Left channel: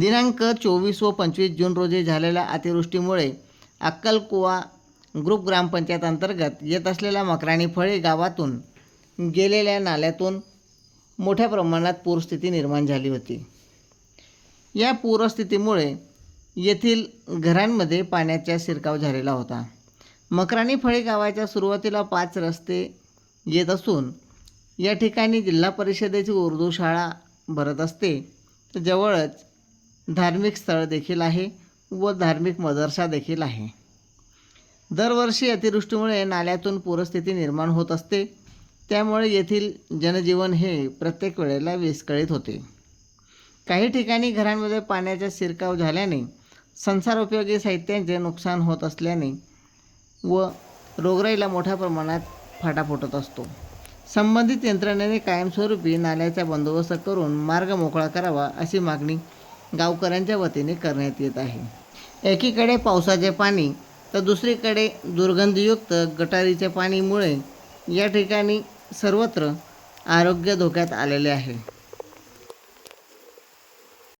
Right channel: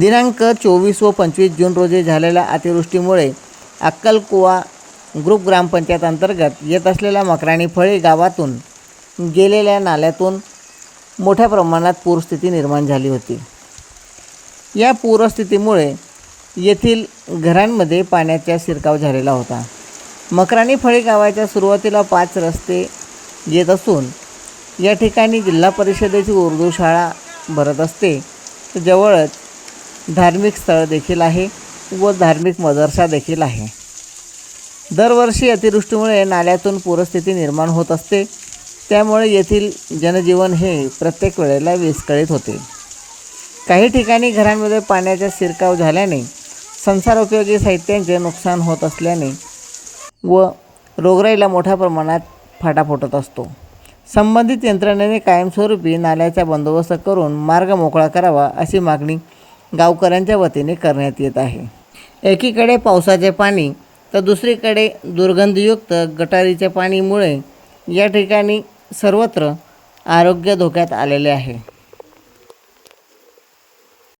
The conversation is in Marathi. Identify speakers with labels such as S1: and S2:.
S1: दिनांक चोवीस व पंचवीस जून रोजी झालेल्या अतिवृष्टीमुळे अक्कलकुवा ग्रुप ग्रामपंचायत अंतर्गत येत असलेल्या मकराणी फळे गावातून गेलेल्या नाल्यातून मोठ्या प्रमाणात पूरस्थिती निर्माण झाली होती. या पूरस्थितीमुळे येथील घरांमध्ये पाण्याचा शिरकाव झालेला होता. मकराणी फळे गावाच्या सुरुवातीला पाच रस्ते येत असून या ठिकाणी जिल्हा परिषदेची उर्दू शाळा भरत असते. जवळच धार्मिक स्थळ देखील आहे व धार्मिक मदरसा देखील आहे. दरवर्षी अतिवृष्टीमुळे नाल्यातून पूरस्थिती निर्माण होत असते. त्यामुळे येथील जनजीवन हे प्रत्येक वेळेला विस्कळीत होते. काही ठिकाणी घरांमध्ये पाण्याचा शिरकाव झाल्याने संसारोपयोगी साहित्यांचे नुकसान होत असल्याने व रोगराईला मोठ्या प्रमाणात फाटा फुटत असतो. संबंधित यंत्रणेने कायमस्वरूपी नाल्याचा बंदोबस्त करून मार्ग मोकळा करावा अशी मागणी गावकऱ्यांच्या वतीने करण्यात येत आहे. एकीकडे पावसाचे पाणी तर दुसरीकडे दुर्गंधयुक्त गटारीच्या पाणीमुळे या ठिकाणी सर्वत्र आरोग्य धोक्यात आलेले आहे.